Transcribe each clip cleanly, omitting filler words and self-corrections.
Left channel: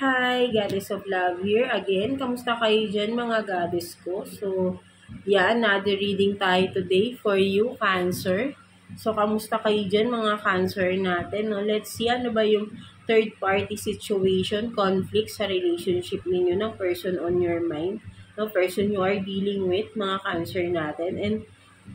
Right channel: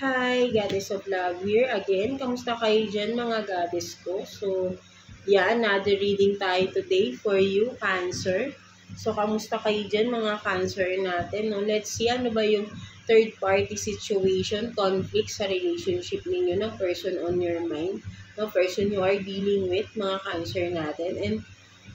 Hi, Goddess of Love here again. Kamusta kayo dyan mga goddess ko? So, yeah, another reading tayo today for you, Cancer. So, kamusta kayo dyan mga Cancer natin? No? Let's see, ano ba yung third party situation, conflict sa relationship ninyo ng person on your mind, no person you are dealing with, mga Cancer natin. And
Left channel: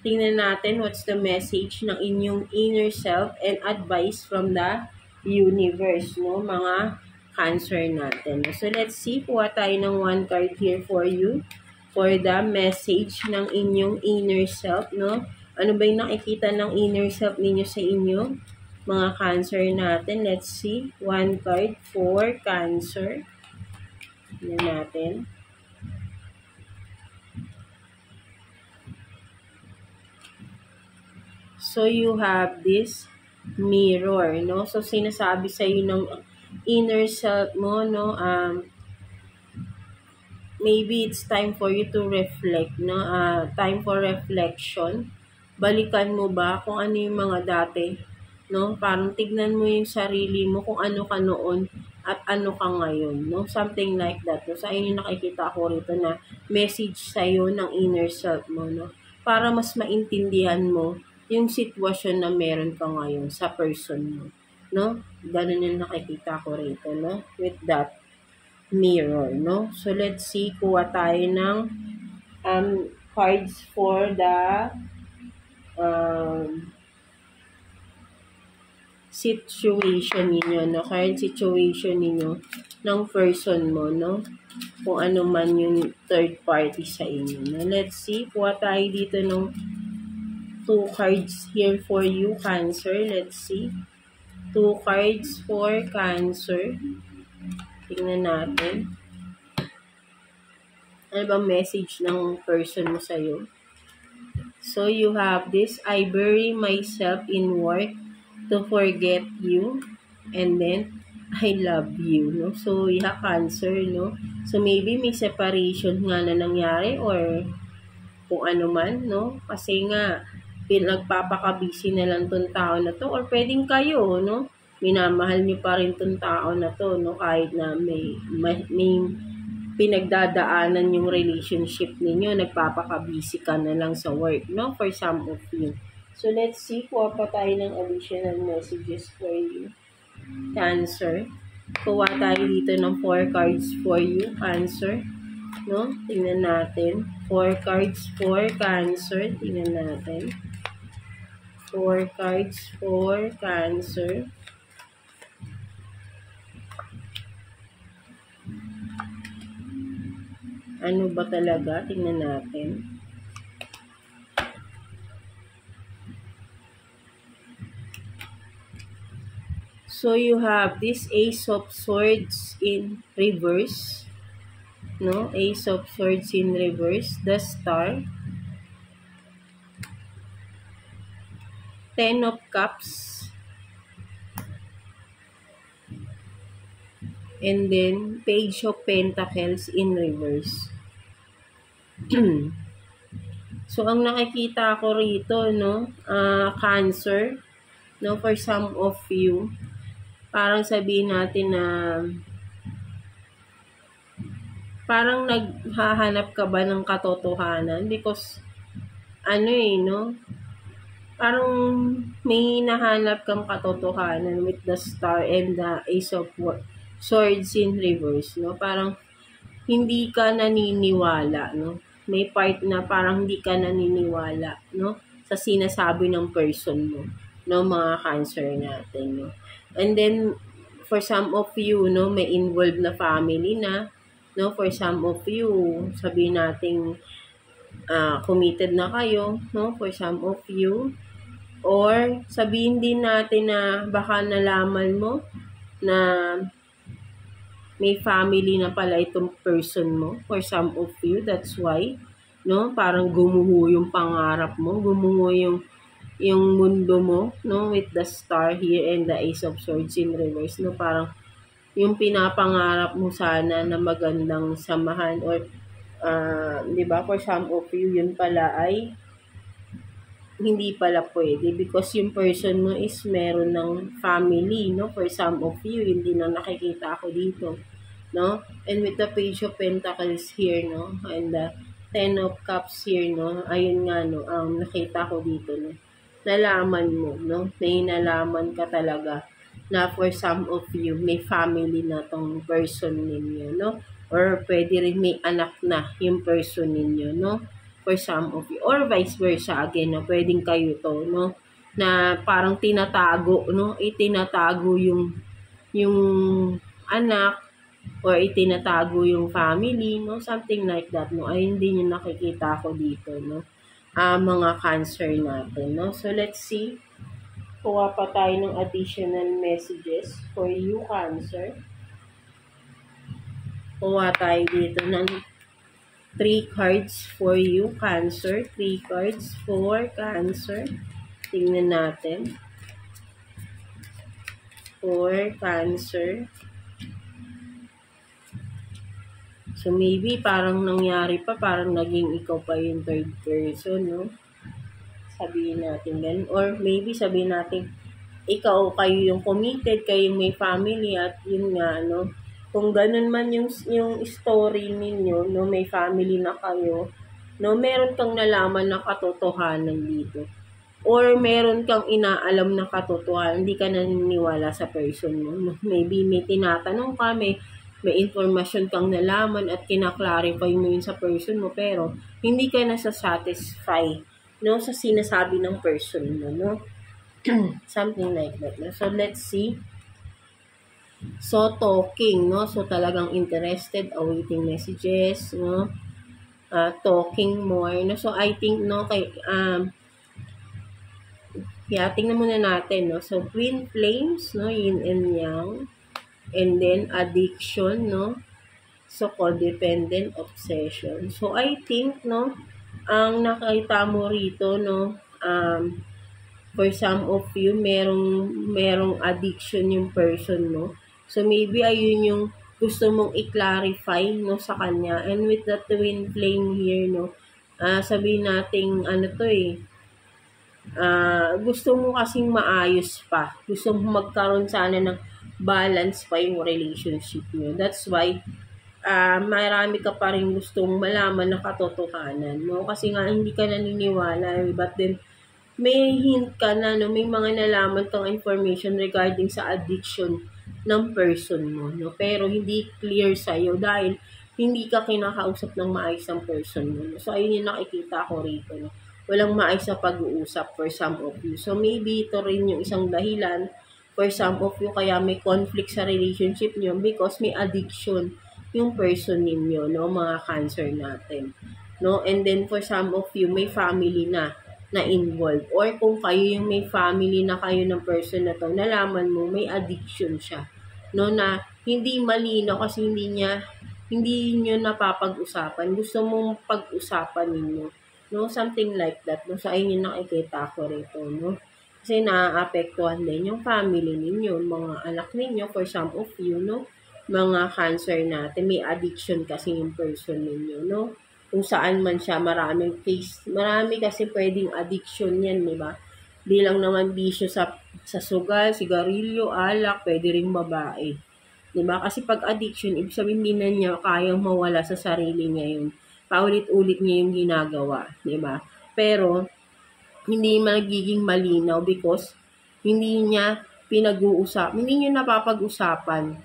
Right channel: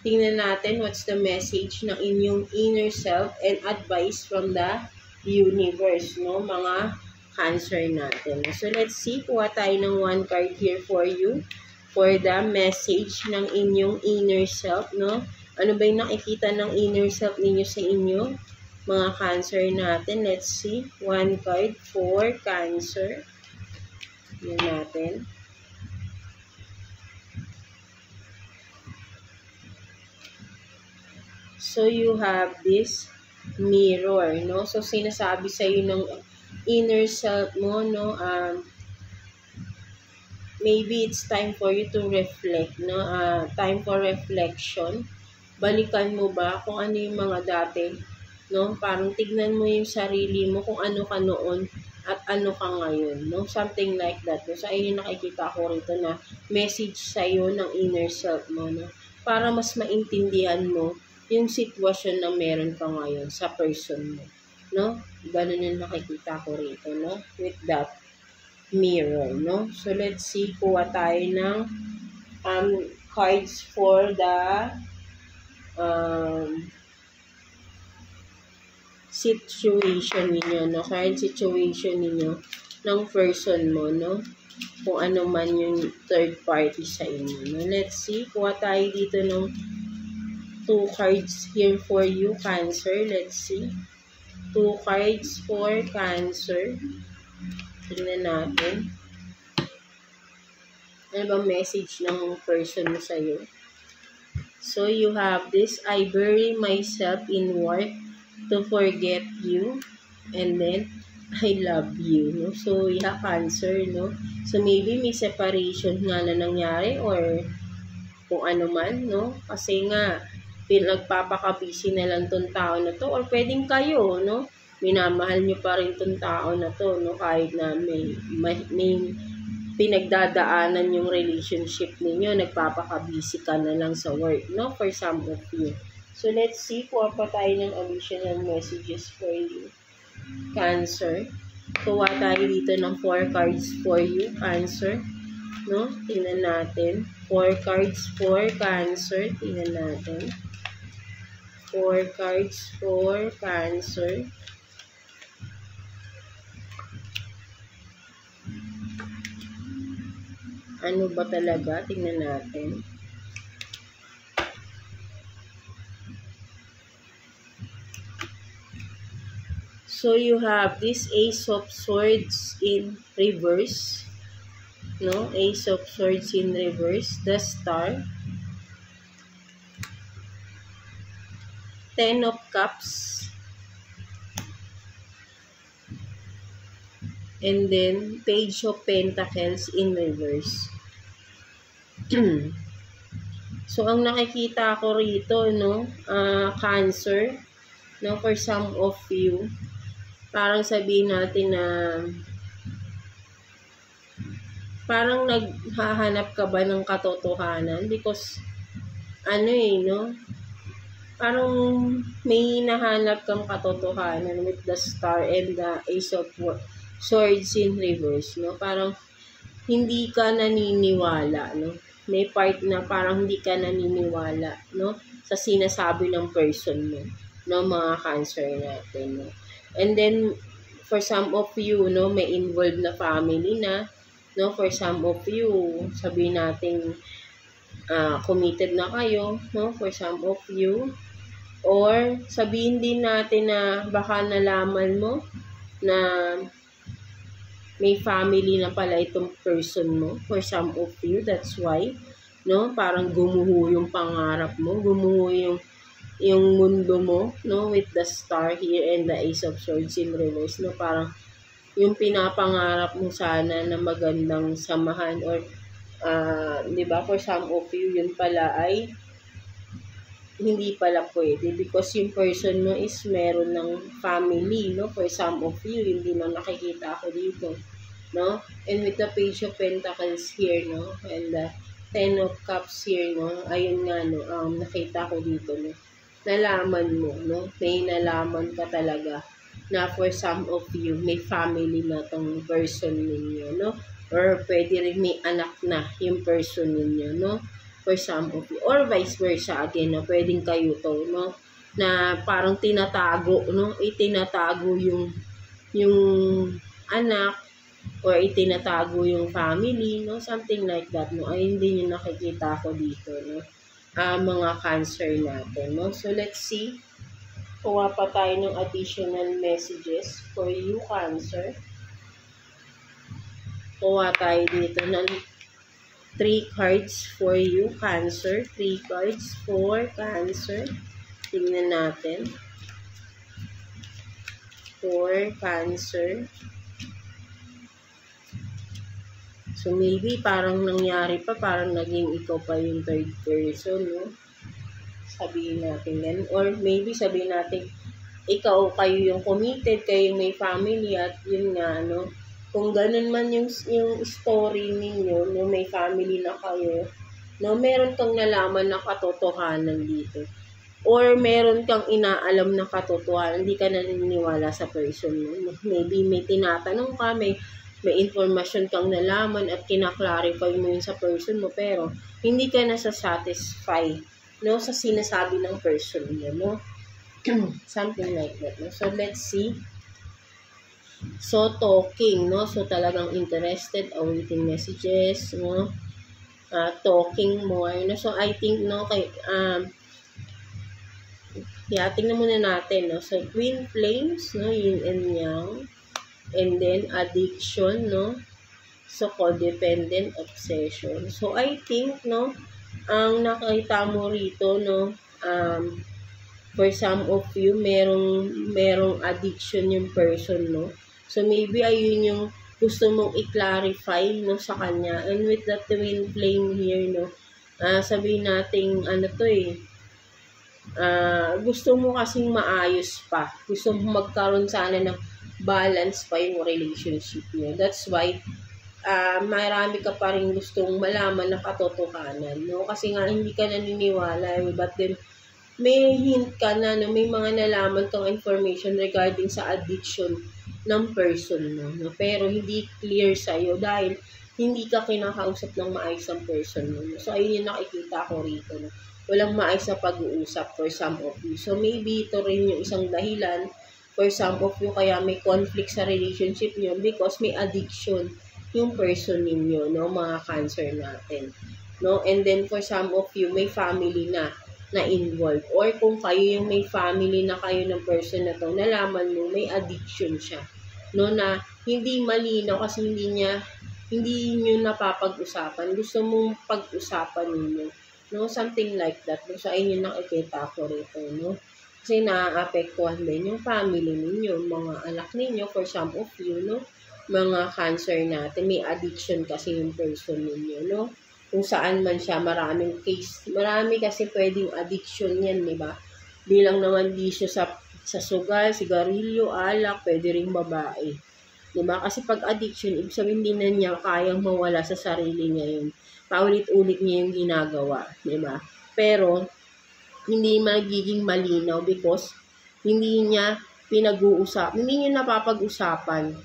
tingnan natin what's the message ng inyong inner self and advice from the universe, no mga Cancer natin. So, let's see. Kuha tayo ng one card here for you for the message ng inyong inner self, no? Ano ba yung nakikita ng inner self ninyo sa inyo? Mga Cancer natin. Let's see. One card for Cancer. Yan natin. So, you have this mirror, no? So, sinasabi sa iyo ng inner self mo, no? Maybe it's time for you to reflect, no? Time for reflection. Balikan mo ba kung ano yung mga dati, no? Parang tignan mo yung sarili mo kung ano ka noon at ano ka ngayon, no? Something like that. No? Sa inyo nakikita ko rito na message sa'yo ng inner self mo, no? Para mas maintindihan mo yung sitwasyon na meron ka ngayon sa person mo, no? Ganun yung nakikita ko rito, no? With that mirror, no? So, let's see, kuha tayo ng cards for the situation ninyo, no? Current situation ninyo ng person mo, no? Kung ano man yung third party sa inyo, no? Let's see, kuha tayo dito ng 2 cards here for you, Cancer. Let's see. 2 cards for Cancer. Tingnan natin. Ano ba message ng person mo sa'yo? So, you have this. I bury myself in work to forget you. And then, I love you. No? So, yeah, Cancer, no? So, maybe may separation nga na nangyari or kung ano man, no? Kasi nga, pinagpapakabisi na lang tong tao na to or pwedeng kayo, no? Minamahal nyo pa rin tong tao na to, no? Kahit na may pinagdadaanan yung relationship ninyo, nagpapakabisi ka na lang sa work, no? For some of you. So, let's see, kuha pa tayo ng additional messages for you, Cancer. Kuha tayo dito ng 4 cards for you, Cancer. No? Tingnan natin. 4 cards for Cancer. Tingnan natin. 4 cards for Cancer. Ano ba talaga? Tingnan natin. So, you have this Ace of Swords in reverse. No? Ace of Swords in reverse. The Star. 10 of Cups. And then, Page of Pentacles in reverse. So, ang nakikita ko rito, no, Cancer, no, for some of you, parang sabihin natin na parang naghahanap ka ba ng katotohanan? Because, no, parang may nahanap kang katotohanan with the Star and the Ace of Swords in reverse, no? Parang hindi ka naniniwala, no? May part na parang hindi ka naniniwala, no? Sa sinasabi ng person mo, no? Mga Cancer natin, no? And then, for some of you, no, may involved na family na, no? For some of you, sabihin natin, committed na kayo, no? For some of you, or sabihin din natin na baka nalaman mo na may family na pala itong person mo. For some of you, that's why, no? Parang gumuho yung pangarap mo, gumuho yung mundo mo, no? With the Star here and the Ace of Swords in reverse, no? Parang yung pinapangarap mo sana na magandang samahan or, di ba? For some of you, yun pala ay hindi pala pwede because yung person mo is meron ng family, no? For some of you, hindi na nakikita ako dito. no? And with the Page of Pentacles here, no? And the Ten of Cups here, no? Ayun nga, no? Nakita ko dito, no? Nalaman mo, no? May nalaman ka talaga na for some of you, may family na tong person ninyo, no? Or pwede rin may anak na yung person ninyo, no? For some of you. Or vice versa again, no? Pwedeng kayo to, no? Na parang tinatago, no? Itinatago yung anak or itinatago yung family, no? Something like that, no? Ay, hindi nyo nakikita ko dito, no? Mga Cancer natin, no? So, let's see. Kuha pa tayo ng additional messages for you, Cancer. Kuha tayo dito ng 3 cards for you, Cancer. 3 cards for Cancer. Tingnan natin. For Cancer. So, maybe parang nangyari pa, parang naging ikaw pa yung third person, no? Sabihin natin ganun. Or maybe sabihin natin, ikaw, kayo yung committed, kayo yung may family, at yun nga, no? Kung ganun man yung story ninyo, no, may family na kayo, no, meron kang nalaman na katotohanan dito. Or meron kang inaalam na katotohanan, hindi ka naniniwala sa person mo. Maybe may tinatanong ka, may informasyon kang nalaman at kinaklarify mo yun sa person mo, pero hindi ka nasa-satisfy, no, sa sinasabi ng person mo, no? Something like that, no? So, let's see. So, talking, no? So, talagang interested, awaiting messages, no? Talking more, no? So, I think, no, tingnan muna natin, no? So, twin flames, no? Yin and yang. And then, addiction, no? So, codependent, obsession. So, I think, no, ang nakita mo rito, no, for some of you, merong addiction yung person, no? So, maybe ayun yung gusto mong i-clarify, no, sa kanya. And with the twin flame here, no, sabihin natin, gusto mo kasing maayos pa. Gusto mo magkaroon sana ng balance pa yung relationship niyo. That's why, marami ka pa rin gustong malaman na katotohanan, no? Kasi nga, hindi ka naniniwala, but then, may hint ka na, no? May mga nalaman kang information regarding sa addiction ng person mo, no? Pero hindi clear sa'yo dahil hindi ka kinakausap ng maayos ang person mo, no? So, ayun yung nakikita ko rito, no? Walang maayos na pag-uusap for some of you. So, maybe ito rin yung isang dahilan for some of you kaya may conflict sa relationship nyo because may addiction yung person ninyo, no? Mga Cancer natin, no? And then, for some of you, may family na involved. Or kung kayo yung may family na kayo ng person na to, nalaman mo may addiction siya, no, na hindi malinaw kasi hindi nyo napapag-usapan. Gusto mong pag-usapan ninyo, no, something like that, no. So, ayun yung nakikita ko rito, no, kasi naaapektuhan din yung family ninyo, mga anak ninyo, for some of you, no, mga Cancer natin, may addiction kasi yung person ninyo, no. Kung saan man siya, maraming case. Marami kasi pwedeng addiction yan, di ba? Di lang naman bisyo sa sugal, sigarilyo, alak, pwede ring babae. Di ba? Kasi pag addiction, ibig sabihin din na niya kayang mawala sa sarili niya yun. Paulit-ulit niya yung ginagawa, di ba? Pero, hindi magiging malinaw because hindi niya pinag-uusap. Hindi niyo napapag-usapan.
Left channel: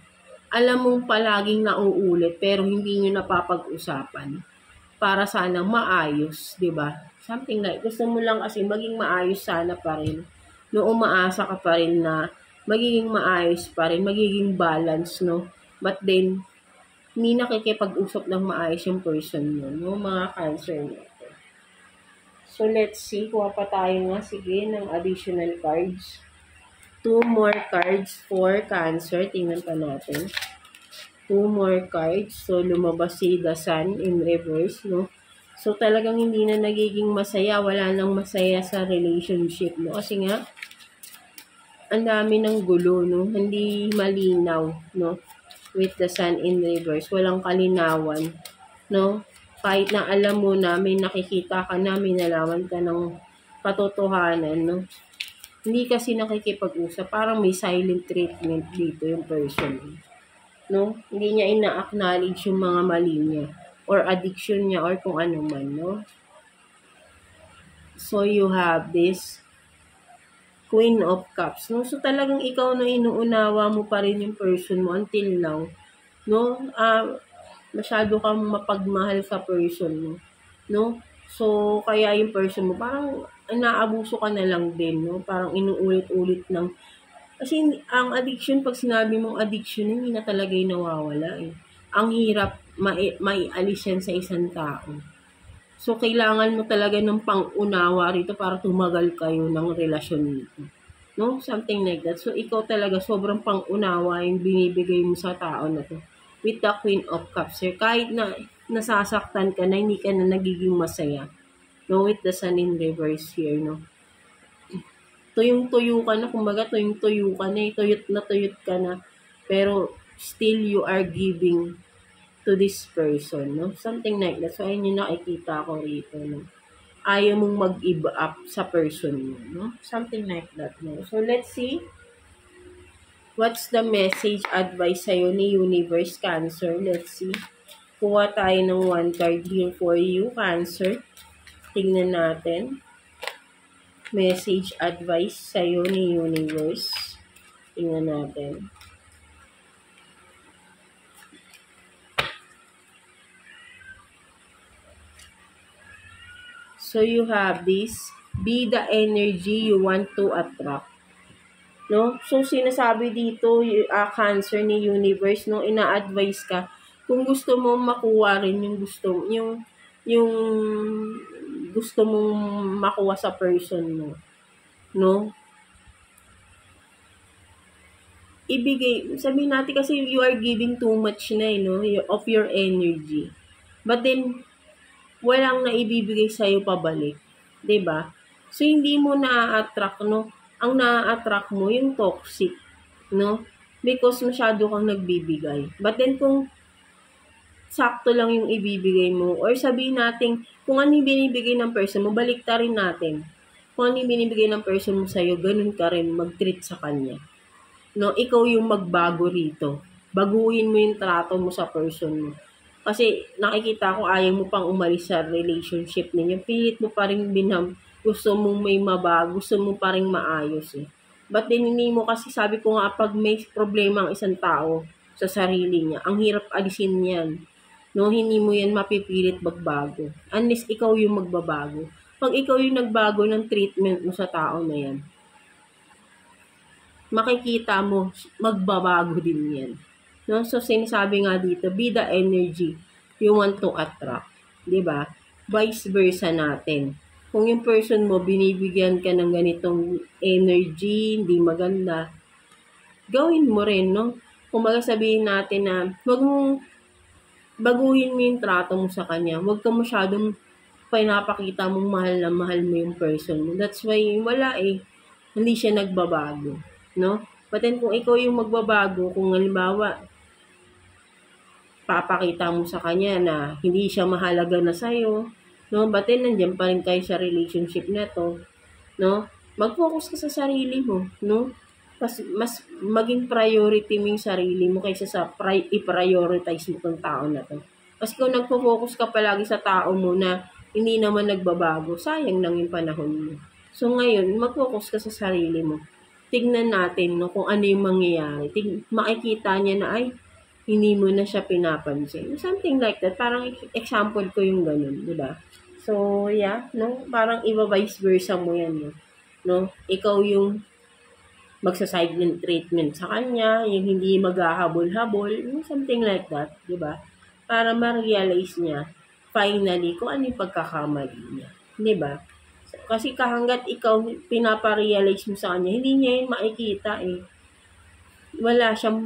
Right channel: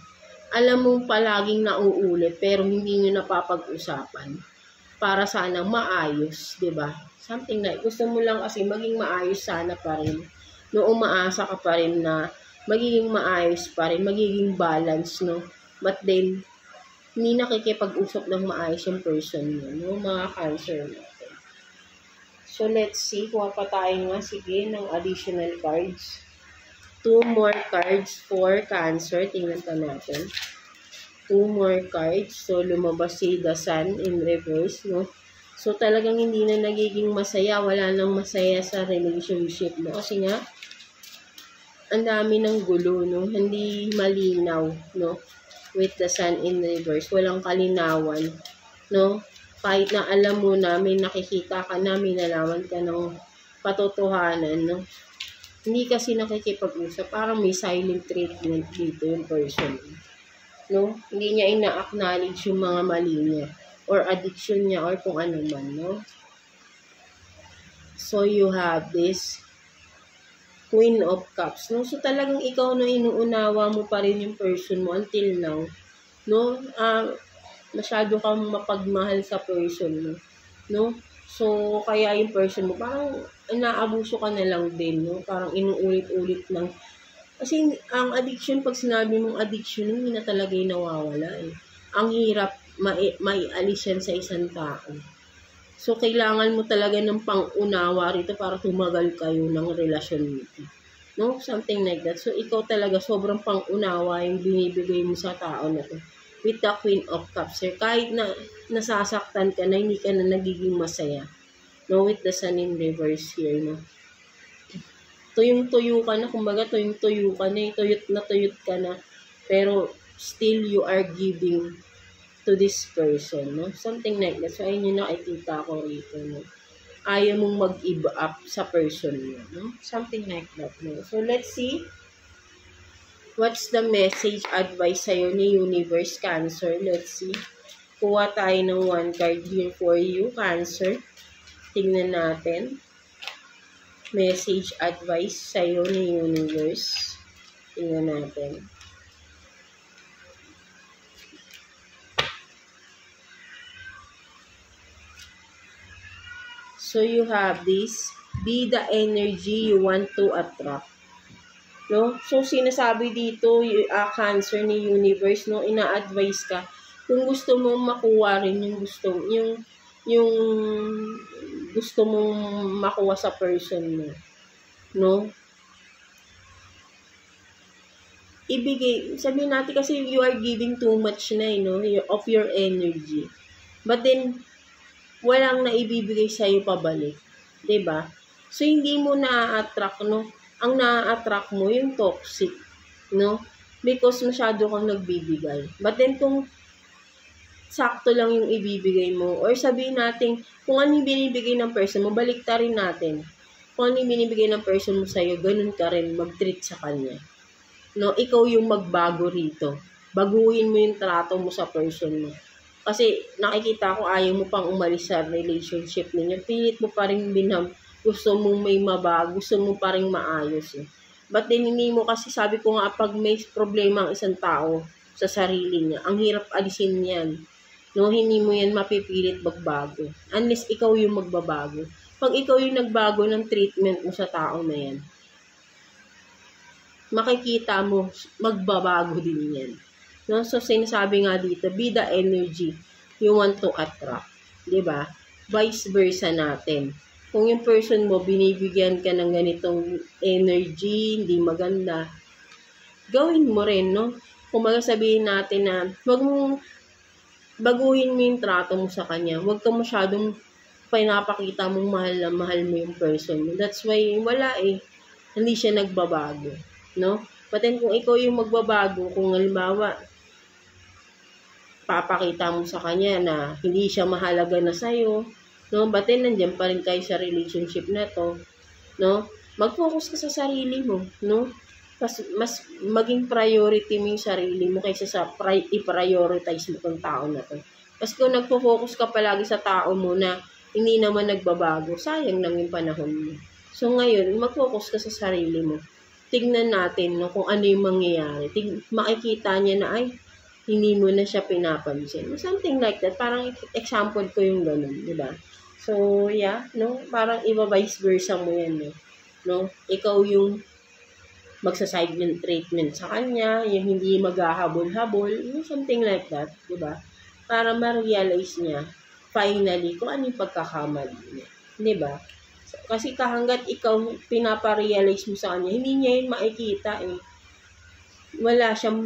Alam mong palaging nauulit, pero hindi niyo napapag-usapan. Para sana maayos, 'di ba? Something like gusto mo lang kasi maging maayos sana pa rin. No, umaasa ka pa rin na magiging maayos pa rin, magiging balance, no? But then hindi nakikipag-usap ng maayos yung person mo, no? Mga Cancer natin. So let's see, kuha pa tayo nga sige ng additional cards. 2 more cards for Cancer. Tingnan pa natin. 2 more cards. So, lumabas si The Sun in reverse, no? So, talagang hindi na nagiging masaya. Wala nang masaya sa relationship, no? Kasi nga, ang dami ng gulo, no? Hindi malinaw, no? With The Sun in reverse. Walang kalinawan, no? Kahit na alam mo na, may nakikita ka na, may nalaman ka ng katotohanan, no? Hindi kasi nakikipag-usap. Parang may silent treatment dito yung person, no? Hindi niya ina-acknowledge yung mga mali niya or addiction niya or kung ano man, no? So, you have this Queen of Cups, no? So, talagang ikaw no, inuunawa mo pa rin yung person mo until now, no? Masyado kang mapagmahal sa person mo, no? So, kaya yung person mo, parang inaabuso ka na lang din, no? Parang inuulit-ulit ng kasi ang addiction, pag sinabi mong addiction, hindi na talaga yung nawawala eh. Ang hirap maialis yan sa isang tao. So, kailangan mo talaga ng pang-unawa rito para tumagal kayo ng relasyon nito. No? Something like that. So, ikaw talaga sobrang pang-unawa yung binibigay mo sa tao na to. With the Queen of Cups. Sir, kahit na nasasaktan ka na, hindi ka na nagiging masaya. No? With the Sun in reverse here, no? Tuyong-tuyo ka na, kumbaga tuyong-tuyo ka na, tuyot ka na, pero still you are giving to this person, no? Something like that. So, ayun yung nakikita ko rito, no? Ayaw mong mag-give up sa person mo, no? Something like that, no? So, let's see. What's the message, advice sa'yo ni Universe, Cancer? Let's see. Kuha tayo ng one card here for you, Cancer. Tingnan natin. Message, advice sa'yo ni Universe. Tingnan natin. So, you have this. Be the energy you want to attract. No? So, sinasabi dito, Cancer ni Universe, no? Ina-advise ka. Kung gusto mo makuha rin yung gusto mong makuha sa person mo, no? Ibigay, sabihin natin kasi you are giving too much na, no? Of your energy. But then, walang naibibigay sa'yo pabalik. 'Di ba? So, hindi mo na-attract, no? Ang na-attract mo, yung toxic, no? Because masyado kang nagbibigay. But then, kung sakto lang yung ibibigay mo, or sabihin natin, kung ano yung binibigay ng person mo, balikta rin natin. Kung ano yung binibigay ng person mo sa'yo, ganun ka rin mag-treat sa kanya. No, ikaw yung magbago rito. Baguhin mo yung trato mo sa person mo. Kasi nakikita ko ayaw mo pang umalis sa relationship ninyo. Pilit mo pa rin gusto mo may mabago, gusto mo pa rin maayos eh. But then hindi mo kasi, sabi ko nga, pag may problema ang isang tao sa sarili niya, ang hirap alisin yan. No, hindi mo yan mapipilit magbago. Unless ikaw yung magbabago. Pag ikaw yung nagbago ng treatment mo sa tao na yan, makikita mo, magbabago din yan. No? So, sinasabi nga dito, be the energy you want to attract. Diba? Vice versa natin. Kung yung person mo, binibigyan ka ng ganitong energy, hindi maganda, gawin mo rin, no? Kung sabihin natin na, wag mong baguhin mo yung trato mo sa kanya. Huwag ka masyadong pinapakita mong mahal na mahal mo yung person mo. That's why, wala eh. Hindi siya nagbabago. No? But then, kung ikaw yung magbabago, kung halimbawa, papakita mo sa kanya na hindi siya mahalaga na sa'yo, no? But then, nandiyan pa rin kayo sa relationship na to, no? Mag-focus ka sa sarili mo, no? Mas maging priority mo yung sarili mo kaysa sa i-prioritize mo tong tao na to. Kasi kung nagpo-focus ka palagi sa tao mo na hindi naman nagbabago, sayang lang yung panahon mo. So ngayon, mag-focus ka sa sarili mo. Tingnan natin no, kung ano yung mangyayari. Makikita niya na ay, hindi mo na siya pinapansin. Something like that. Parang example ko yung ganun, di ba? So, yeah, no? Parang iba-vice versa mo yan, no? No? Ikaw yung magsa-silent treatment sa kanya, yung hindi maghahabol-habol, something like that, di ba? Para ma-realize niya, finally, kung ano yung pagkakamali niya. Di ba? So, kasi kahanggat ikaw pinaparealize mo sa kanya, hindi niya yun makikita eh. Wala siyang,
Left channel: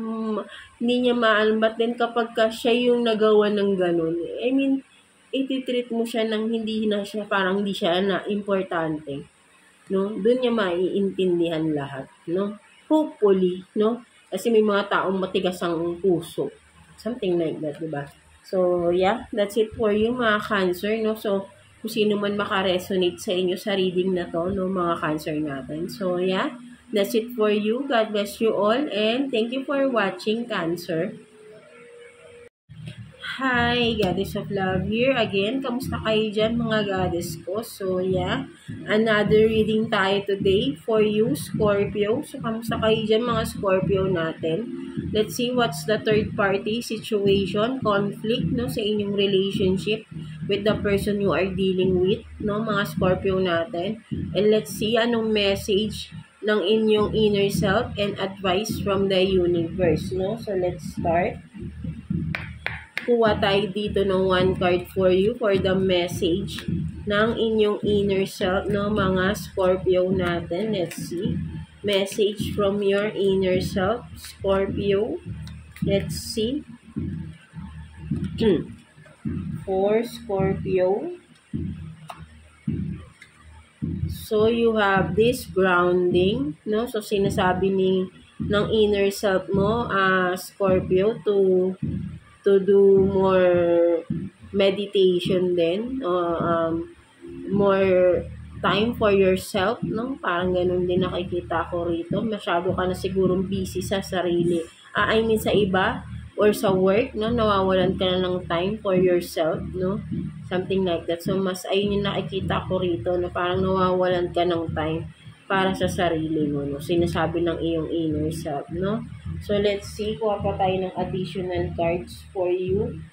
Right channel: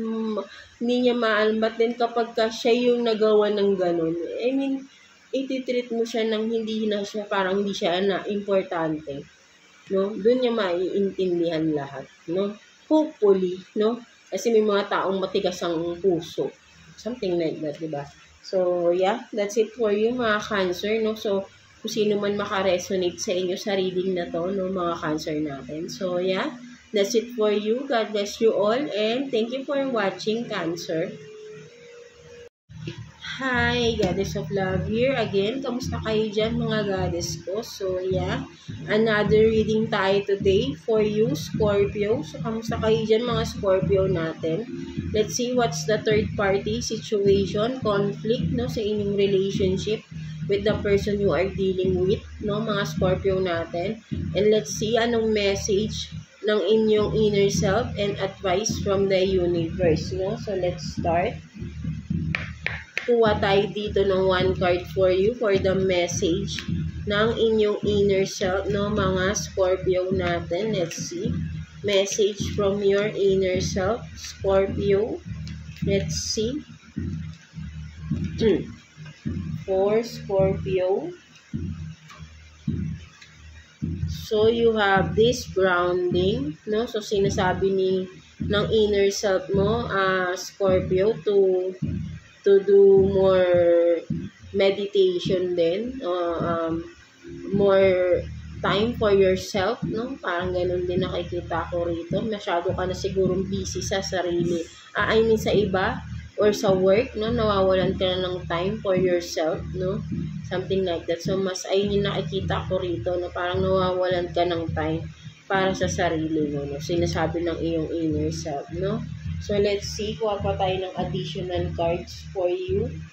hindi niya maalam. But then kapag siya yung nagawa ng ganun, I mean, ititreat mo siya ng hindi na siya, parang hindi siya na importante. No? Doon niya maiintindihan lahat, no? Hopefully, no? Kasi may mga taong matigas ang puso. Something like that, di ba? So, yeah, that's it for you, mga Cancer, no? So, kung sino man makaresonate sa inyo sa reading na to, no, mga Cancer natin. So, yeah, that's it for you. God bless you all, and thank you for watching, Cancer. Hi, Goddess of Love here again. Kamusta kayo dyan mga goddess ko? So yeah, another reading tayo today for you, Scorpio. So kamusta kayo dyan mga Scorpio natin? Let's see what's the third party situation, conflict, no, sa inyong relationship with the person you are dealing with, no, mga Scorpio natin. And let's see anong message ng inyong inner self and advice from the universe, no? So let's start. Kuha tayo dito ng one card for you for the message ng inyong inner self, no, mga Scorpio natin. Let's see. Message from your inner self, Scorpio. Let's see. For Scorpio. So, you have this grounding, no? So, sinasabi ng inner self mo, Scorpio, to do more meditation din, more time for yourself, no? Parang ganun din nakikita ko rito. Masyado ka na sigurong busy sa sarili. I mean sa iba or sa work, no? Nawawalan ka na ng time for yourself, no? Something like that. So, mas ayun yung nakikita ko rito na parang nawawalan ka ng time para sa sarili mo, no? Sinasabi ng iyong inner self, no? So, let's see. Kuha pa tayo ng additional cards for you.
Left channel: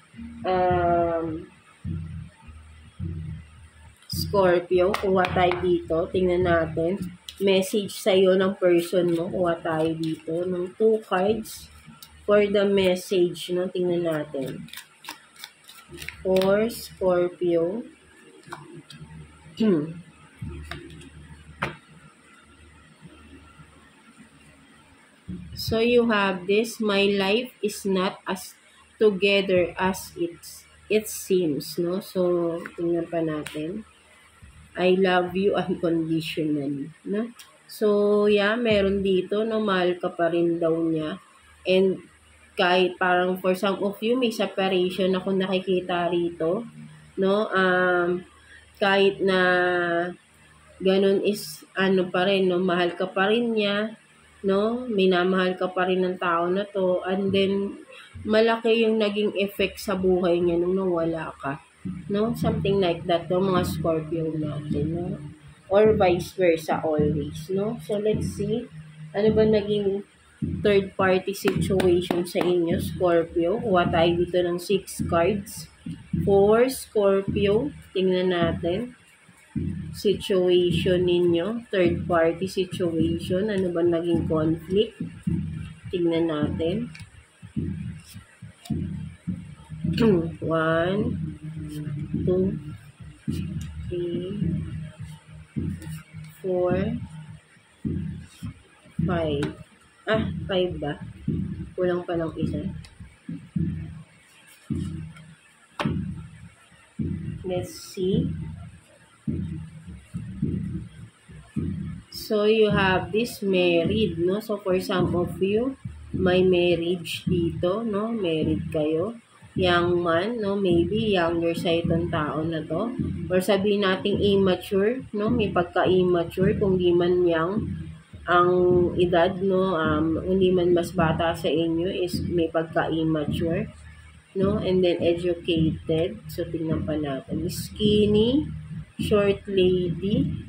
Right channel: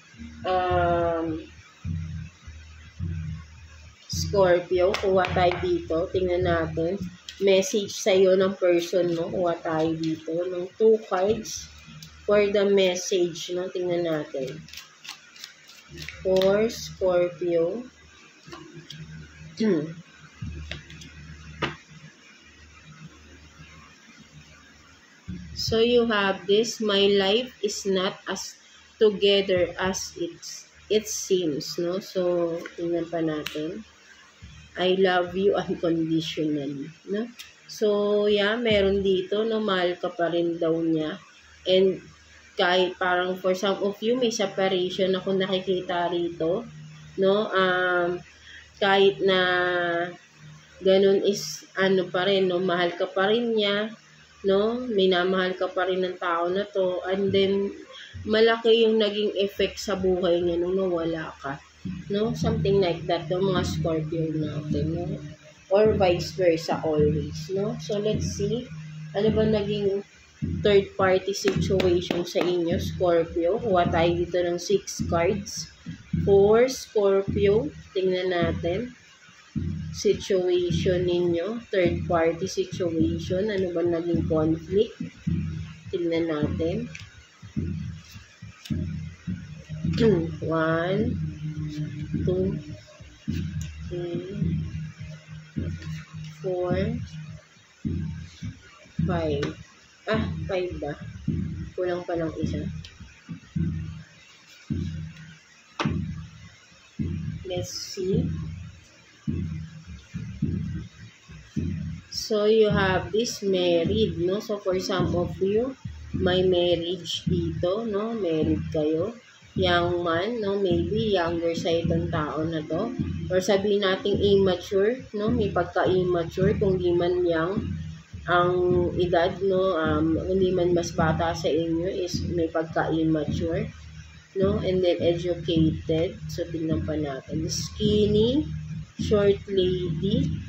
Scorpio, kuha tayo dito. Tingnan natin. Message sa'yo ng person mo. Kuha tayo dito ng 2 cards for the message, no? Tingnan natin. For Scorpio. So you have this, my life is not as together as it seems, no? So, tingnan pa natin. I love you unconditionally, no? So, yeah, meron dito, no, mahal ka pa rin daw niya. And kahit parang for some of you, may separation ako nakikita rito, no? Kahit na ganun is, ano pa rin, no? Mahal ka pa rin niya, no? Minamahal ka pa rin ng tao na to, and then malaki yung naging effect sa buhay niya nung nawala ka, no? Something like that, no, mga Scorpio natin, no? Or vice versa always, no? So let's see, ano ba naging third party situation sa inyo, Scorpio? Kuha tayo dito ng 6 cards for Scorpio. Tingnan natin situation ninyo, third party situation, ano ba naging conflict? Tingnan natin. 1, 2, 3, 4, 5. 5 ba? Kulang pa ng isa. Let's see. So, you have this married, no? So, for some of you, may marriage dito, no? Married kayo. Young man, no? Maybe younger sa itong tao na to. Or sabihin nating immature, no? May pagka-immature, kung di man young ang edad, no? Hindi man mas bata sa inyo is may pagka-immature, no? And then educated. So, tingnan pa natin. Skinny, short lady.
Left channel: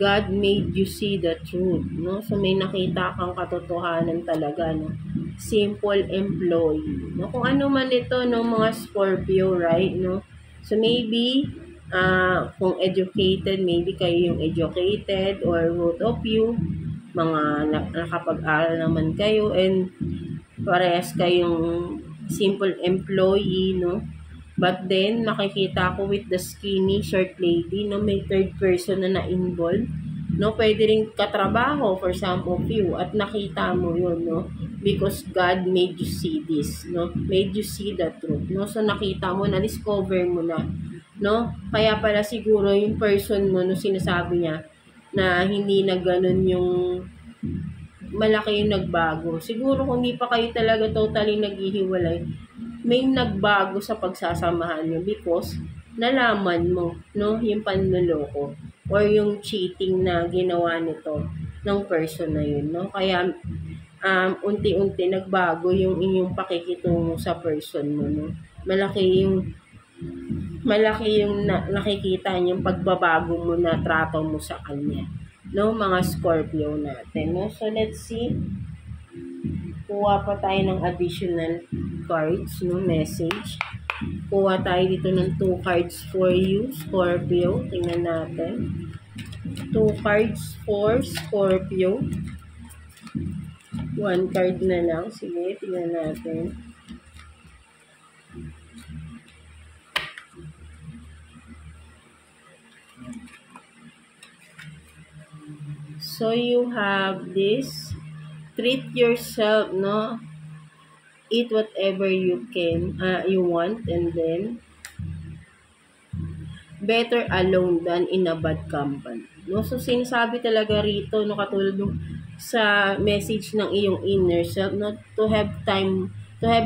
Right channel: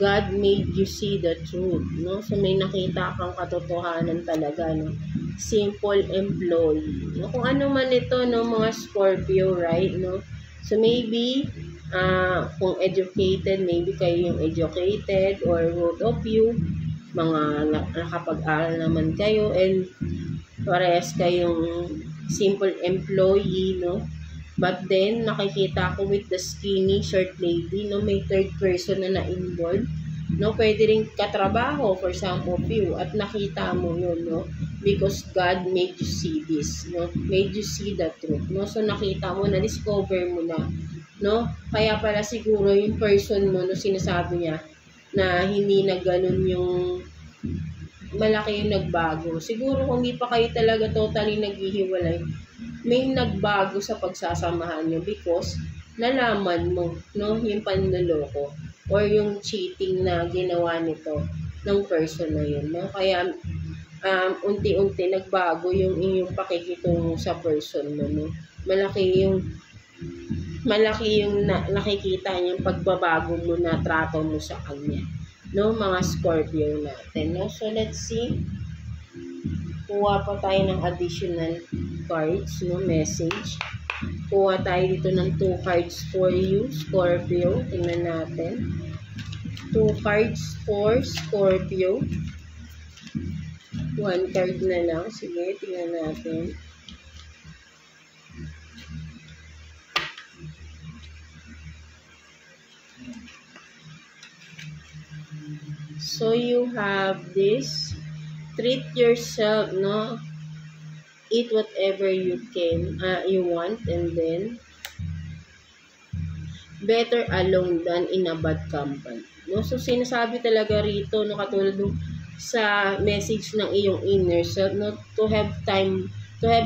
God made you see the truth, no? So, may nakita kang katotohanan talaga, no? Simple employee, no? Kung ano man ito, no, mga Scorpio, right, no? So, maybe, kung educated, maybe kayo yung educated, or both of you, mga nakapag-aral naman kayo, and parehas kayong simple employee, no? But then, nakikita ko with the skinny short lady, no, may third person na na-involved, no? Pwede rin katrabaho for some of you, at nakita mo yun, no? Because God made you see this, no? Made you see the truth, no? So, nakita mo, na-discover mo na, no? Kaya pala siguro yung person mo, no, sinasabi niya, na hindi na ganun yung malaki yung nagbago. Siguro kung hindi pa kayo talaga totally naghihiwalay, may nagbago sa pagsasamahan nyo because nalaman mo, no, yung panloloko or yung cheating na ginawa nito ng person na yun, no? Kaya unti-unti nagbago yung inyong pakikitungo sa person mo, no? malaki yung nakikita niyang pagbabago mo na trato mo sa kanya. No, mga Scorpio natin. No? So, let's see. Kuha pa tayo ng additional cards, no, message. Kuha tayo dito ng 2 cards for you, Scorpio. Tingnan natin. 2 cards for Scorpio. 1 card na lang. Sige, tingnan natin. So, you have this. Treat yourself, no? Eat whatever you can, you want, and then better alone than in a bad company. No? So, sinasabi talaga rito, no, katulad nung sa message ng iyong inner self, no, to have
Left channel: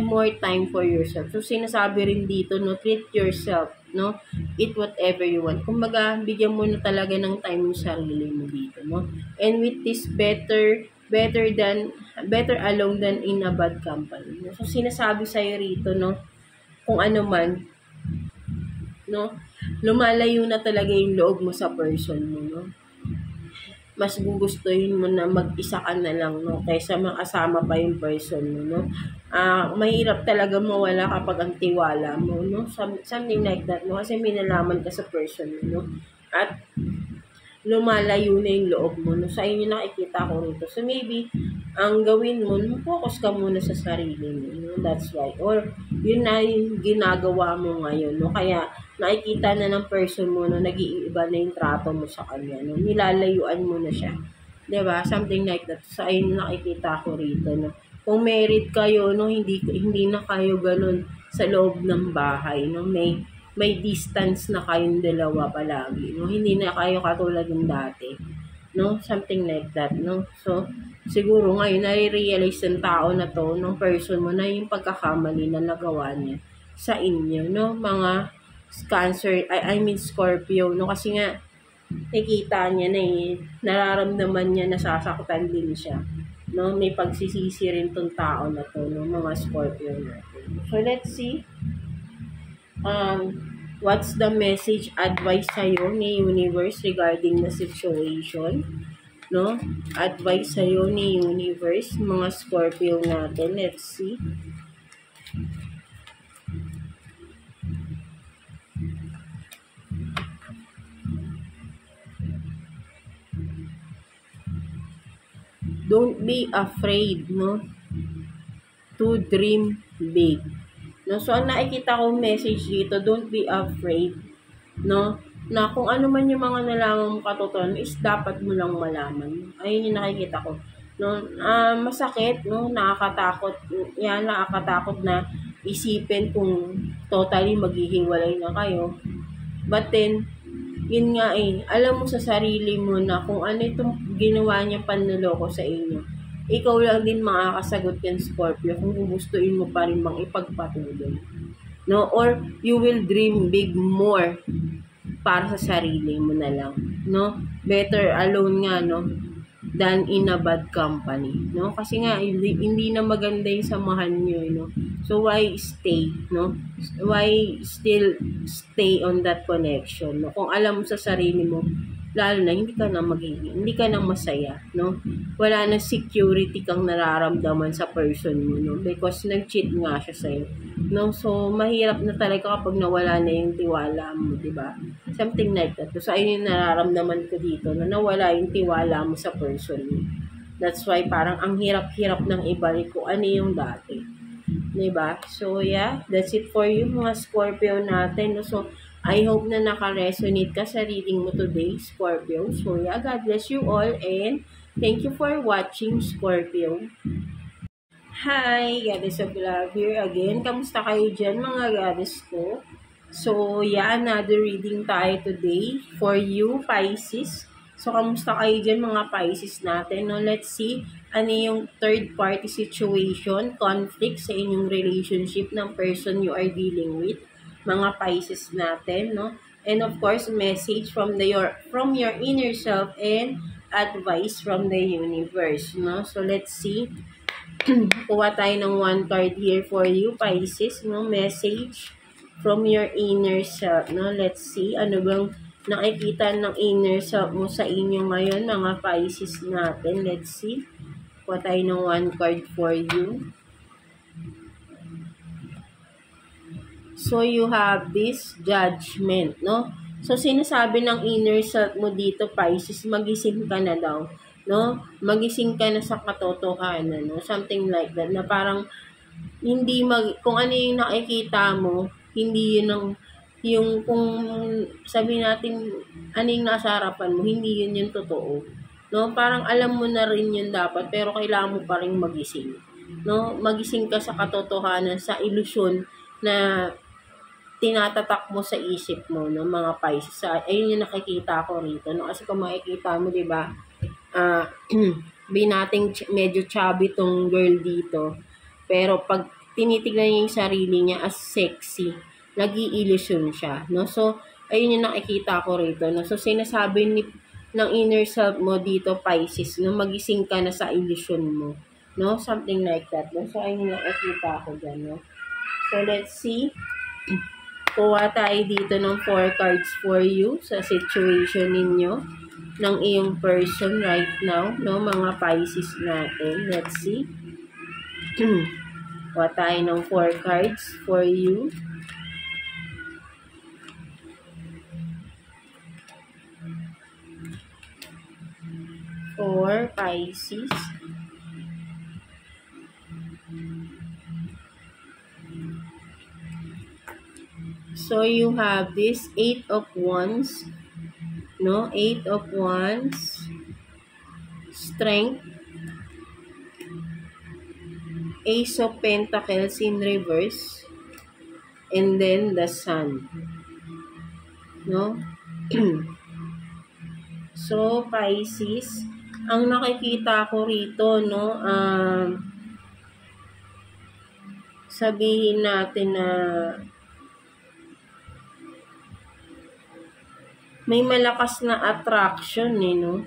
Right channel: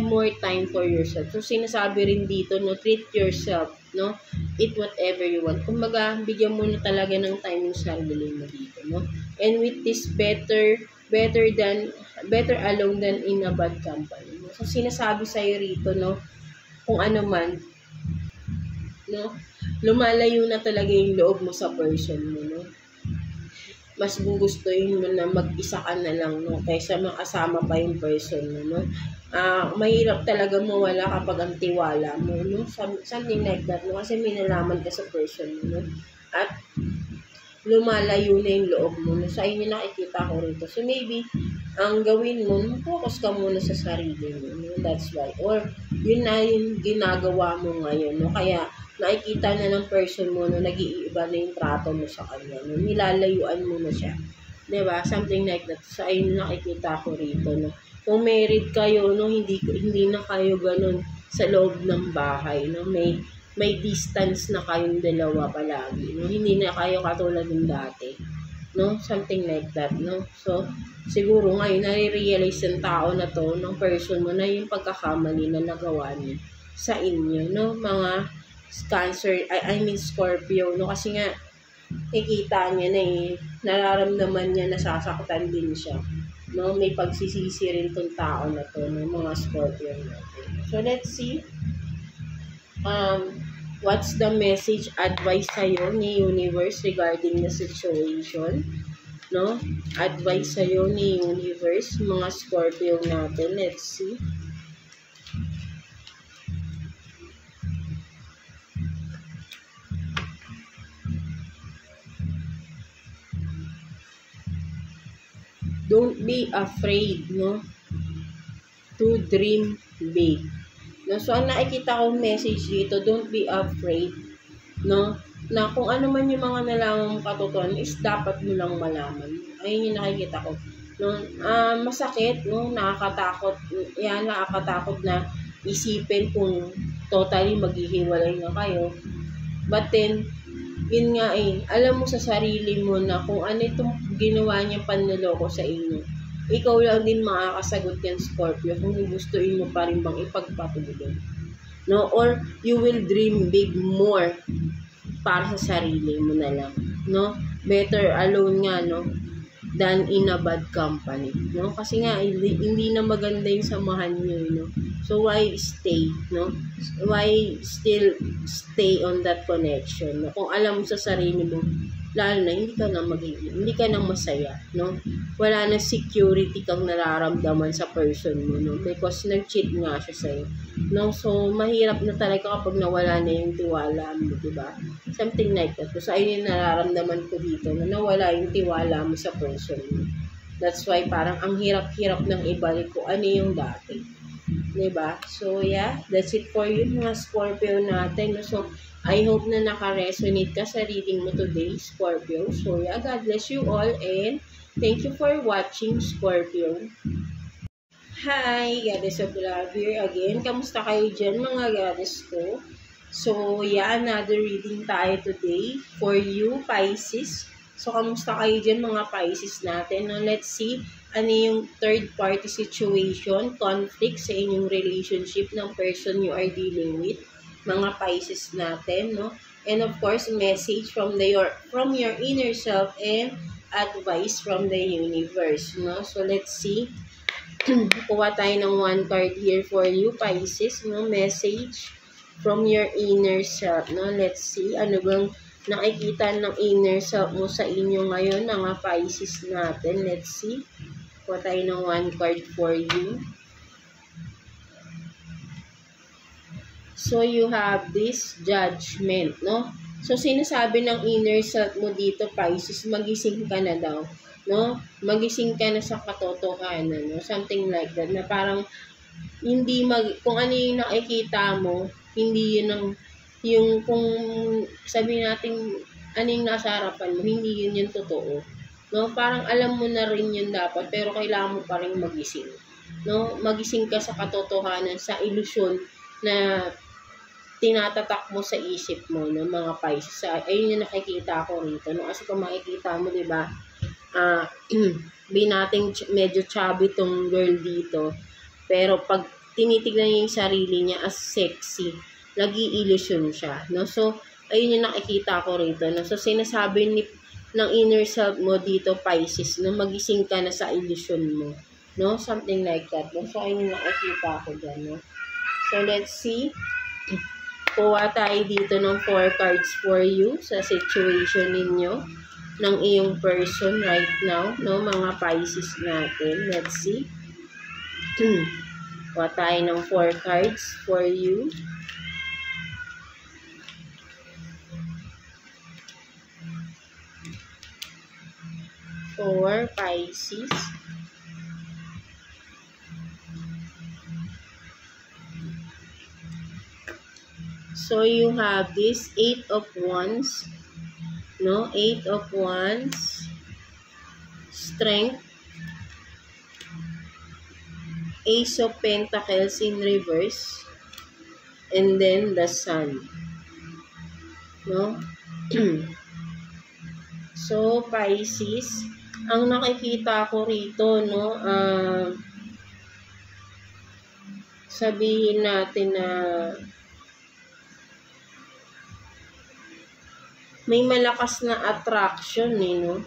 more time for yourself. So, sinasabi rin dito, no, treat yourself, no, eat whatever you want. Kumbaga, bigyan mo na talaga ng time yung sarili mo dito, no. And with this better alone than in a bad company. No? So, sinasabi sa'yo rito, no, kung ano man, no, lumalayo na talaga yung loob mo sa person mo, no. Mas gugustuhin mo na mag-isa ka na lang, no, kaysa makasama pa yung person mo, no. Mahirap talaga mawala kapag ang tiwala mo, no. Something like that, no, kasi may nalaman ka sa person mo, no. At lumalayo na yung loob mo, no. Sa inyo nakikita ko rito. So, maybe, ang gawin mo, focus ka muna sa sarili mo, no. That's why. Or, yun na yung ginagawa mo ngayon, no. Kaya, nakikita na ng person mo, no, nag-iiba na yung trato mo sa kanya, no. Nilalayuan mo na siya. Diba? Something like that. So, ayun nakikita ko rito, no. Kung married kayo, no, hindi na kayo ganun sa loob ng bahay, no. May distance na kayong dalawa palagi, no? Hindi na kayo katulad ng dati, no? Something like that, no? So, siguro ngayon, nare-realize ng tao na to, ng person mo, na yung pagkakamali na nagawa niya sa inyo, no? Mga Cancer, I mean Scorpio, no? Kasi nga, nakikita niya na nararamdaman niya, nasasaktan din siya, no? May pagsisisi rin tong tao na to, no? Mga Scorpio natin. So, let's see. What's the message advice sa'yo ni Universe regarding the situation, no? Advice sa'yo ni Universe, mga Scorpio natin. Let's see. Don't be afraid, no, to dream big. No, so ang nakikita kong message dito, don't be afraid, no, na kung ano man yung mga nalaman mong katotohanan is dapat mo lang malaman. Ayun yung nakikita ko, no. Masakit, no, nakakatakot na isipin kung totally maghihiwalay na kayo. But then, yun nga alam mo sa sarili mo na kung ano itong ginawa niya panloloko sa inyo. Ikaw lang din makakasagot yan, Scorpio, kung gustuin mo pa rin bang ipagpatuloy, no? Or you will dream big more para sa sarili mo na lang, no? Better alone nga, no, than in a bad company, no? Kasi nga hindi na maganda yung samahan niyo, no? So why stay, no? Why still stay on that connection, no? Kung alam mo sa sarili mo, lalo na hindi ka na masaya, no? Wala na security kang nararamdaman sa person mo, no? Because nag-cheat nga siya sa'yo, no? So, mahirap na talaga kapag nawala na yung tiwala mo, diba? Something like that. So, ayun yung nararamdaman ko dito, na nawala yung tiwala mo sa person mo. That's why parang ang hirap-hirap ng ibalik ko ano yung dati. Diba? So, yeah, that's it for you, mga Scorpio natin. So, I hope na naka-resonate ka sa reading mo today, Scorpio. So, yeah, God bless you all and thank you for watching, Scorpio. Hi, Goddess of Love here again. Kamusta kayo dyan, mga Goddess ko? So, yeah, another reading tayo today for you, Pisces. So, kamusta kayo dyan, mga Pisces natin? Now, let's see ano yung third-party situation, conflict sa inyong relationship ng person you are dealing with, mga Pisces natin, no? And of course, message from your inner self and advice from the universe, no? So let's see Kuha tayo ng one card here for you, Pisces, no? Message from your inner self, no? Let's see, ano bang nakikita ng inner self mo sa inyo ngayon, mga Pisces natin. Let's see. Kuha tayo ng one card for you. So, you have this judgment, no? So, sinasabi ng inner self mo dito, Pisces, magising ka na daw, no? Magising ka na sa katotohanan, no? Something like that, na parang, kung ano yung nakikita mo, hindi yun yung kung sabihin natin, ano yung nasa harapan mo, hindi yun yung totoo, no? Parang alam mo na rin yun dapat, pero kailangan mo pa rin magising, no? Magising ka sa katotohanan, sa ilusyon na tinatatak mo sa isip mo, no, mga Pisces. Ayun yung nakikita ko rito, no? Kasi kung makikita mo, di ba, binating medyo chubby tong girl dito, pero pag tinitignan niya yung sarili niya as sexy, nag-i-illusion siya, no? So, ayun yung nakikita ko rito, no? So, sinasabi ng inner self mo dito, Pisces, no, magising ka na sa illusion mo, no? Something like that, no? So, ayun yung nakikita ko dyan, no? So, let's see. Kuha tayo dito ng 4 cards for you sa situation ninyo ng iyong person right now, no, mga Pisces natin. Let's see. Kuha tayo ng 4 cards for you. For Pisces. So, you have this 8 of Wands, no? 8 of Wands, Strength, Ace of Pentacles in reverse, and then the Sun, no? So, Pisces, ang nakikita ko rito, no? Sabihin natin na may malakas na attraction, no?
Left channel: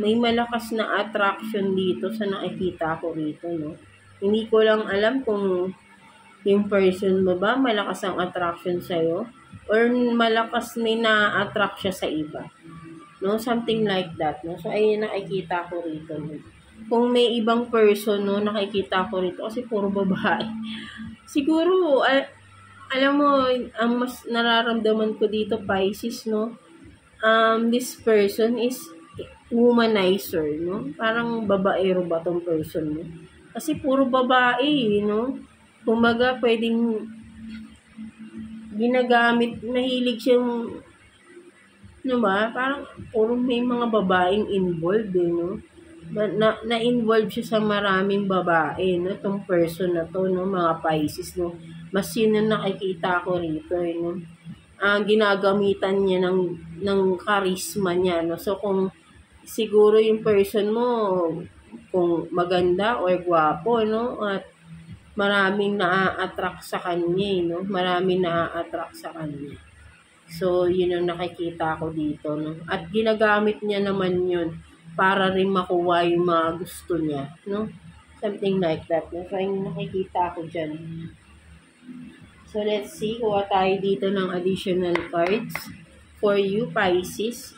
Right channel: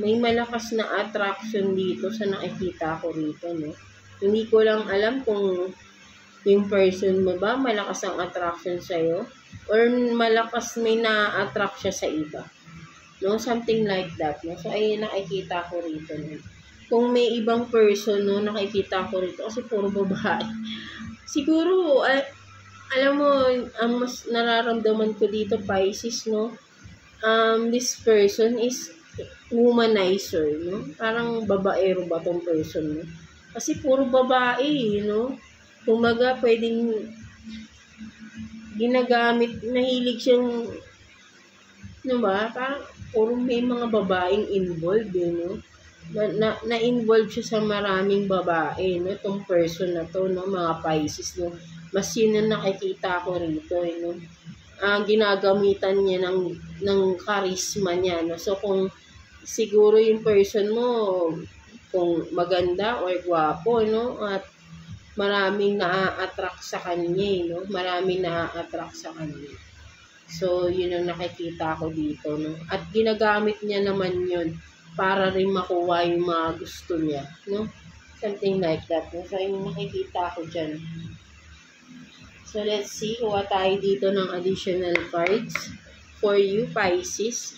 May malakas na attraction dito sa nakikita ko rito, no? Hindi ko lang alam kung yung person mo ba malakas ang attraction sa'yo or malakas may na-attract siya sa iba, no? Something like that, no? So, ayun nakikita ko rito, no? Kung may ibang person, no, nakikita ko rito kasi puro babae. Siguro, alam mo, ang mas nararamdaman ko dito, Pisces, no? This person is womanizer, no? Parang babaero ba tong person mo? Kasi puro babae, no? Kumaga, pwedeng ginagamit, mahilig siyang, ano ba? Parang puro may mga babaeng involved, no? Na-involve siya sa maraming babae, no? Tong person na to, no? Mga Pisces, no? Mas yun ang nakikita ko rito, no? Ginagamitan niya ng charisma niya, no? So, kung siguro yung person mo, kung maganda or gwapo, no? At maraming na-attract sa kanya, no? Maraming na-attract sa kanya. So, yun ang nakikita ko dito, no? At ginagamit niya naman yun para rin makuha yung mga gusto niya, no? Something like that, no? So, yun nakikita ko dyan. So, let's see. Kuha tayo dito ng additional cards for you, Pisces.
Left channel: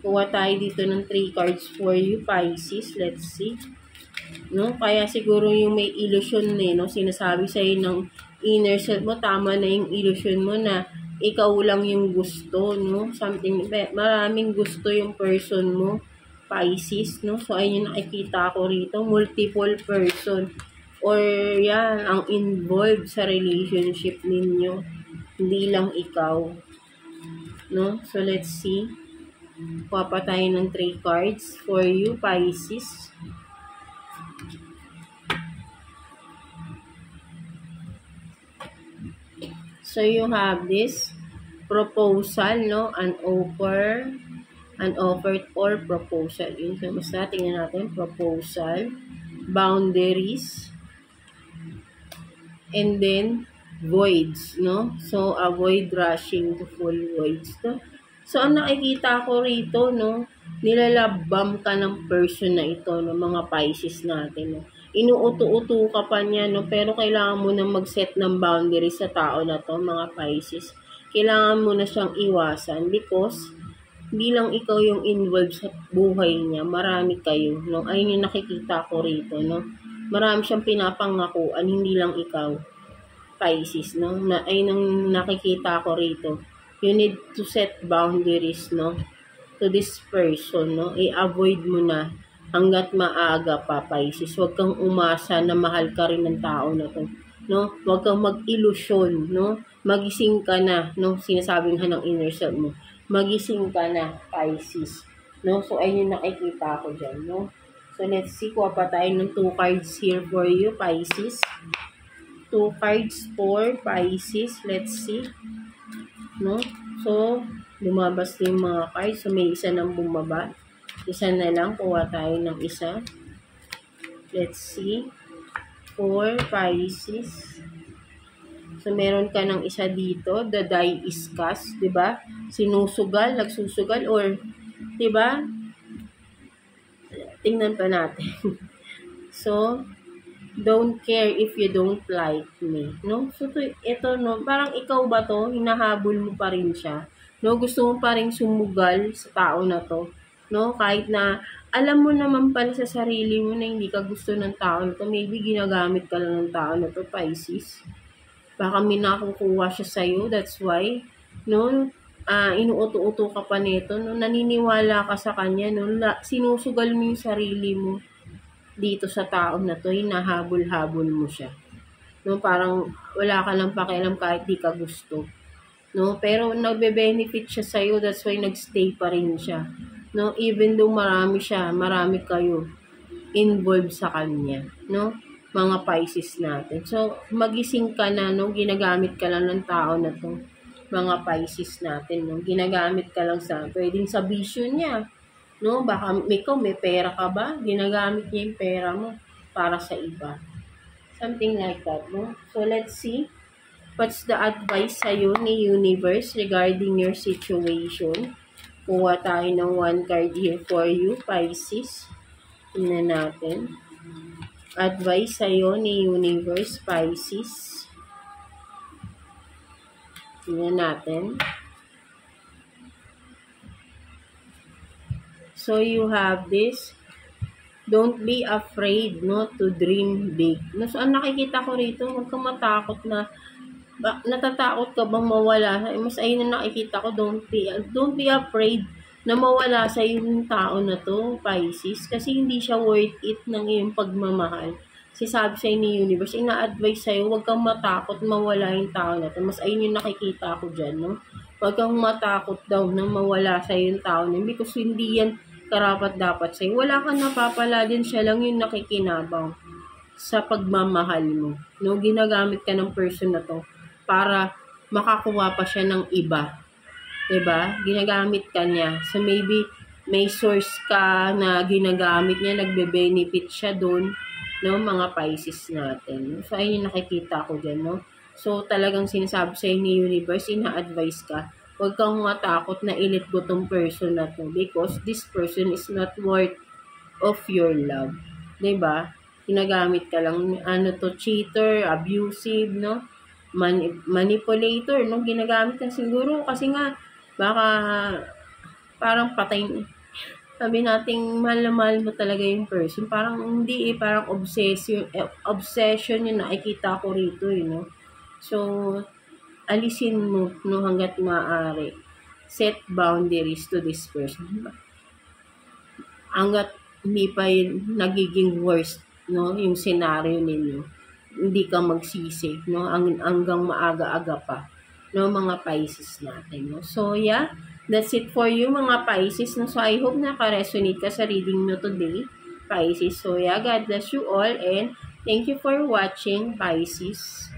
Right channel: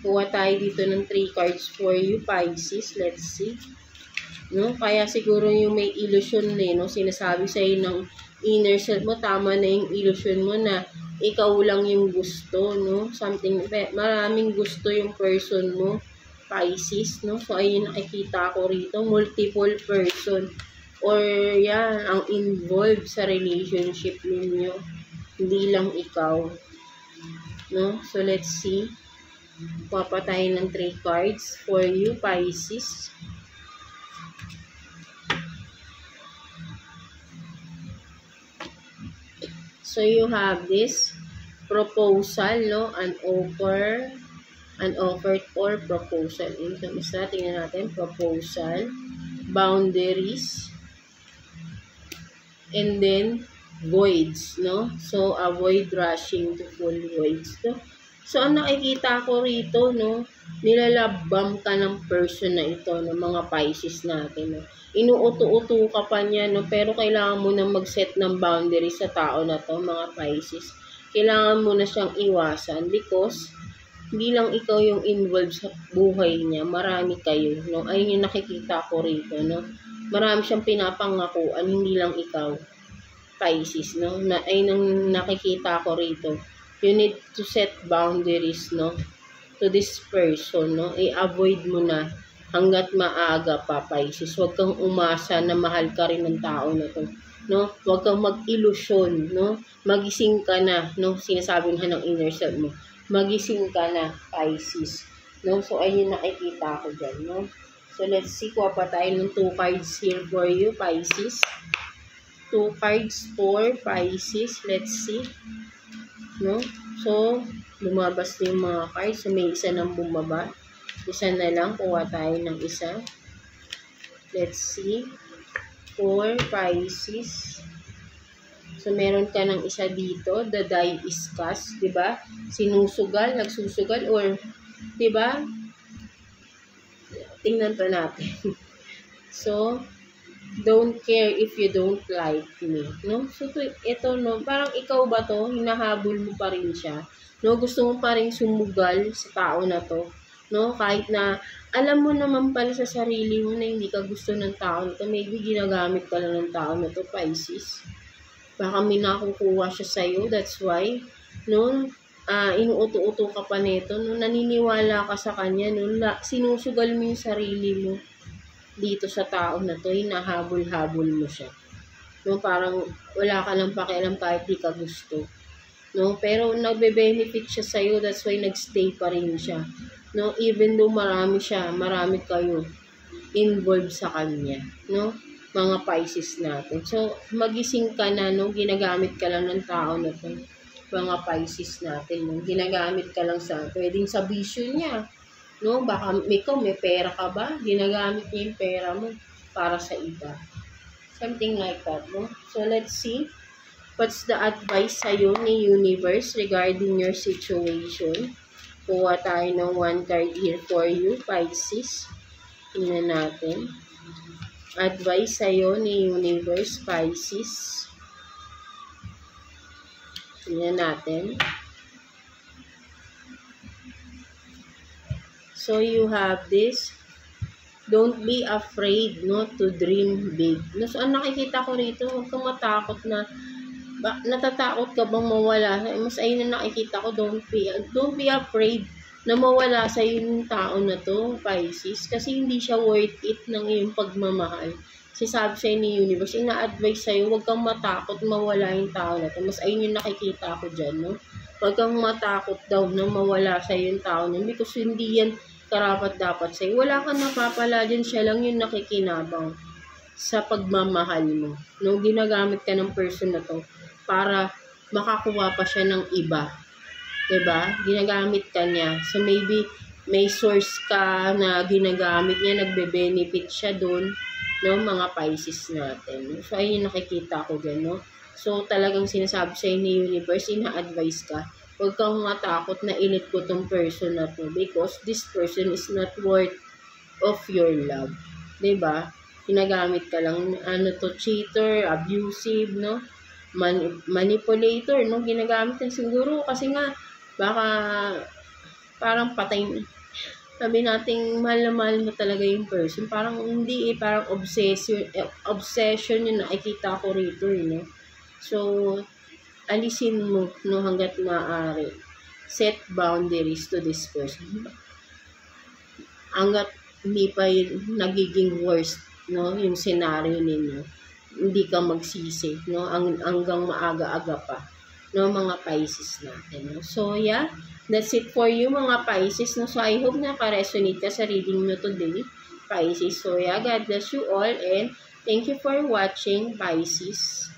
Kuha tayo dito ng 3 cards for you, Pisces. Let's see. No? Kaya siguro yung may illusion no? Sinasabi sa'yo ng inner self mo, tama na yung illusion mo na ikaw lang yung gusto, no? Something, maraming gusto yung person mo, Pisces, no? So, ayun yung nakikita ko rito. Multiple person. Or yan, ang involved sa relationship ninyo. Hindi lang ikaw. No? So, let's see. Kuha pa tayo ng 3 cards for you, Pisces. So, you have this proposal, no? An offer or proposal. So, mas tingnan natin. Proposal, boundaries, and then voids, no? So, avoid rushing to full voids, no? So, ang nakikita ko rito, no, nilalabam ka ng person na ito, no, mga Pisces natin, no. Inuuto-uto ka pa niya, no, pero kailangan mo na mag-set ng boundaries sa tao na to, mga Pisces. Kailangan mo na siyang iwasan because hindi lang ikaw yung involved sa buhay niya, marami kayo, no. Ayun yung nakikita ko rito, no. Marami siyang pinapangakuan, hindi lang ikaw, Pisces, no. Ayun ang nakikita ko rito. You need to set boundaries, no, to this person, no. I-avoid mo na hanggat maaga pa, Pisces. Huwag kang umasa na mahal ka rin ng tao na to, no. Huwag kang mag-ilusyon, no. Magising ka na, no. Sinasabing ng inner self mo. Magising ka na, Pisces, no. So, ayun yung nakikita ko dyan, no. So, let's see. Kuha pa tayo ng 2 cards here for you, Pisces. 2 cards for Pisces. Let's see. No? So, lumabas na yung mga cards. So, may isa nang bumaba. Isa na lang. Kuha tayo ng isa. Let's see. For Pisces. So, meron ka ng isa dito. The die is cast. Diba? Sinusugal, nagsusugal, or, diba? Tingnan pa natin. So, don't care if you don't like me, no? So, ito, no, parang ikaw ba to, hinahabol mo pa rin siya, no? Gusto mo pa rin sumugal sa tao na to, no? Kahit na, alam mo naman pala sa sarili mo na hindi ka gusto ng tao na to, maybe ginagamit ka lang ng tao na to, Pisces. Baka may nakukuha siya sa'yo, that's why, no? Inuuto-uto ka pa nito, no? Naniniwala ka sa kanya, no? Sinusugal mo yung sarili mo dito sa tao na to, hinahabol-habol mo siya. No, parang wala ka lang pakialam kahit di ka gusto. No, pero nagbe-benefit siya sa iyo, that's why nagstay pa rin siya. No, even though marami kayo involved sa kanya, no? Mga Pisces natin. So, magising ka na, no? Ginagamit ka lang ng tao na to. Mga Pisces natin, no? Ginagamit ka lang pwedeng sa vision niya. No, baka may pera ka ba? Ginagamit niya yung pera mo para sa iba. Something like that, no? So, let's see. What's the advice sa'yo ni Universe regarding your situation? Kuha tayo ng 1 card here for you, Pisces. Tingnan natin. Advice sa'yo ni Universe, Pisces. Tingnan natin. So, you have this. Don't be afraid, no, to dream big. No, so, ang nakikita ko rito, huwag kang matakot na, natatakot ka bang mawala? Mas ayun na nakikita ko, don't be afraid na mawala sa yung tao na to, Pisces. Kasi hindi siya worth it ng iyong pagmamahal. Kasi sabi sa'yo ni Universe, ina-advise sa'yo, huwag kang matakot mawala yung tao na to. Mas ayun yung nakikita ko dyan, no? Huwag kang matakot daw na mawala sa'yo yung tao na because hindi yan karapat dapat sa'yo. Wala kang napapala din, siya lang yung nakikinabang sa pagmamahal mo. No, ginagamit ka ng person na to para makakuha pa siya ng iba. 'Di ba? Ginagamit ka niya. So maybe may source ka na ginagamit niya, nagbe-benefit siya doon, no, mga Pisces natin. So ayun yung nakikita ko din, no. So talagang sinasabi sa ni Universe, ina-advise ka, huwag kang matakot na i-let go tong person na to because this person is not worth of your love. 'Di ba? Ginagamit ka lang, cheater, abusive, no? Manipulator, no? Ginagamit ka siguro kasi nga baka parang patay na. Sabi nating mahal na mahal mo talaga yung person. Parang hindi parang obsession yung nakikita ko rito, no? So, alisin mo, no, hanggat maaari. Set boundaries to this person. Hanggat hindi pa yun nagiging worst, no, yung scenario ninyo. Hindi ka magsisi, no, hanggang maaga-aga pa, no, mga Pisces natin, no. So, yeah, that's it for you, mga Pisces, no. So, I hope naka-resonate ka sa reading mo today, Pisces. So, yeah, God bless you all and thank you for watching, Pisces.